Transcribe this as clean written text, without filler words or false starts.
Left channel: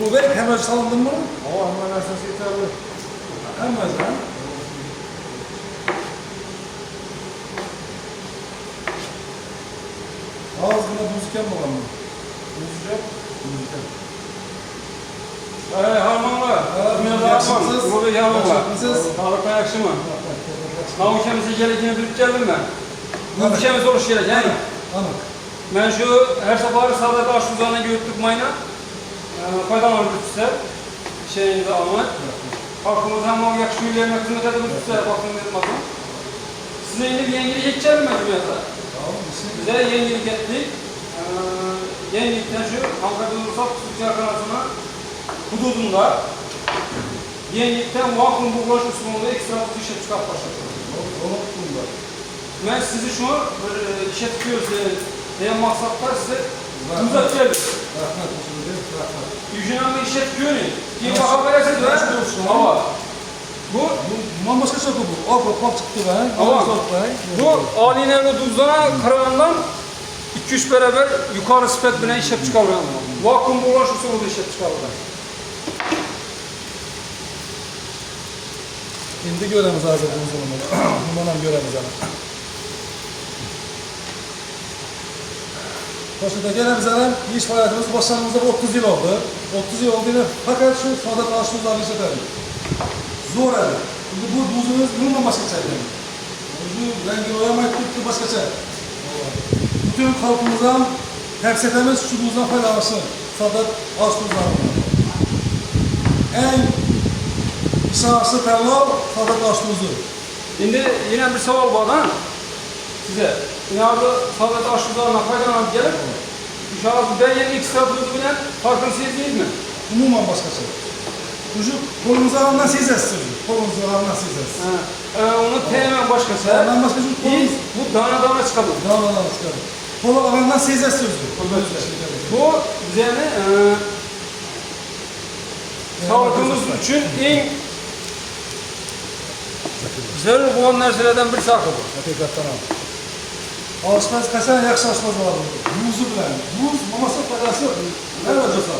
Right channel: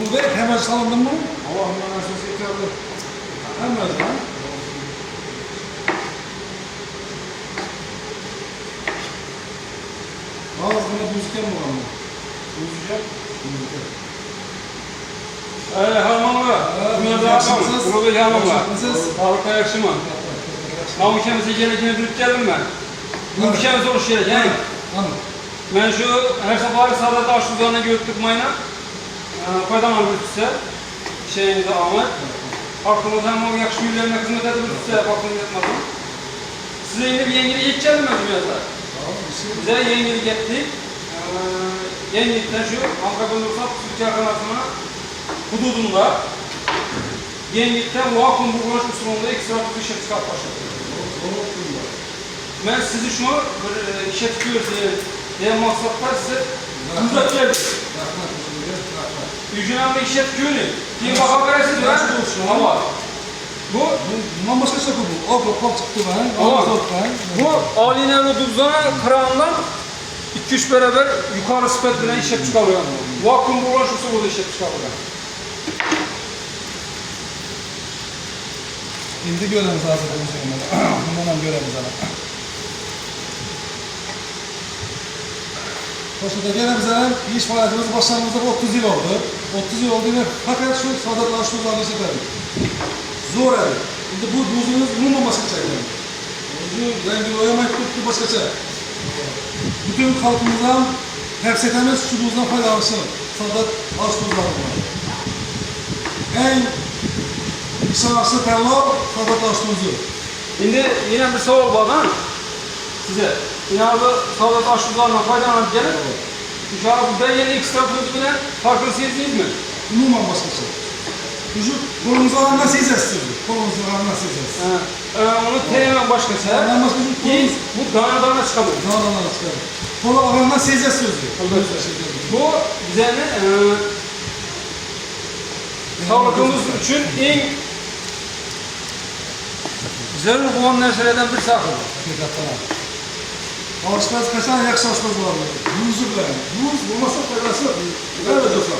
Bu da hemen salındı mı? Hava hemen esası yeterli. Hemen lan. Ağzına buzken mi olan mı? Uzayacak. Harmanlı, dünya dağıtmam, uluğu yanımla. Sağlıkla yakışımı. Namışemizi gelekini bilip geldim ben. Bu ülkemiz oluş gerek, yani. Anladım. Ben şu her sabahı sağda taş uzağına göğüttük mayına. Faydalanır bütüse. Şeyini de almak. Halkımıza hem o yakışık üllerine hizmet edebilirse bakın etmezim. Size yeni bir yengili hiç geldim ben dünyada. Bize yengili gettik. Yengilikten şu Ankara'da Türkiye kanatına hududunda yenilikten vakum burulaş usulünde iki sıra bir şey çıkart başladı. Ben sizi şunu işe tutuyoruz diye maksatlar size uzak geldim. Yüzünen bir işe tutuyor ne? Diye bakabilesiz var. Ama bu Başka şey bu. O kop çıktı ben. Ama bu alinevi duzdan kırağından 2-3 beraber yukarı spektrine işe çıkarıyor. Vakum burulaş usulünde işe çıkarıyor. Şimdi göremiz hazır bundan göremiz ama. Başında göremiz ama iş faaliyetimiz başlarımızda 30 yıl oldu. 30 yıl oldu fakat şu Sadat Aşkuzlar'ı işledik. Zor yani. Şimdi bu buzumuz bununla başka çekiyor. Bu rengi oyamayıp tuttu başka çek. Bütün halkımızdan hepsetemiz şu buzdan faydalansın. Sadat Aşkuzlar'ı. En İsa'sı terör, Sadat Aşkuz'u. Şimdi yine bir soru var ha size. Yine abi Sadat Aşkuzlar'la faydalanıp gelip uşağı ben yeni iki tarafınızı bilen farkını sizdiniz mi? Umuman başka şey. Çocuk kolunuzu alan nasıl izlersin? Kolunuzu alan nasıl izlersin? Onu teymen başkası. Ondan başka çocuk Biz bu dana çıkamıyor. dağlardan çıkarır. Kolu alan nasıl izlersin? Bu bize ne? Sağlığımız için en zarur olan narsalardan bir sakın. Hakikaten abi. Aşkaz kaçan yakşı aşkaz var. Buzu bilen. Buz olmasa faydası yok. Evet olsa.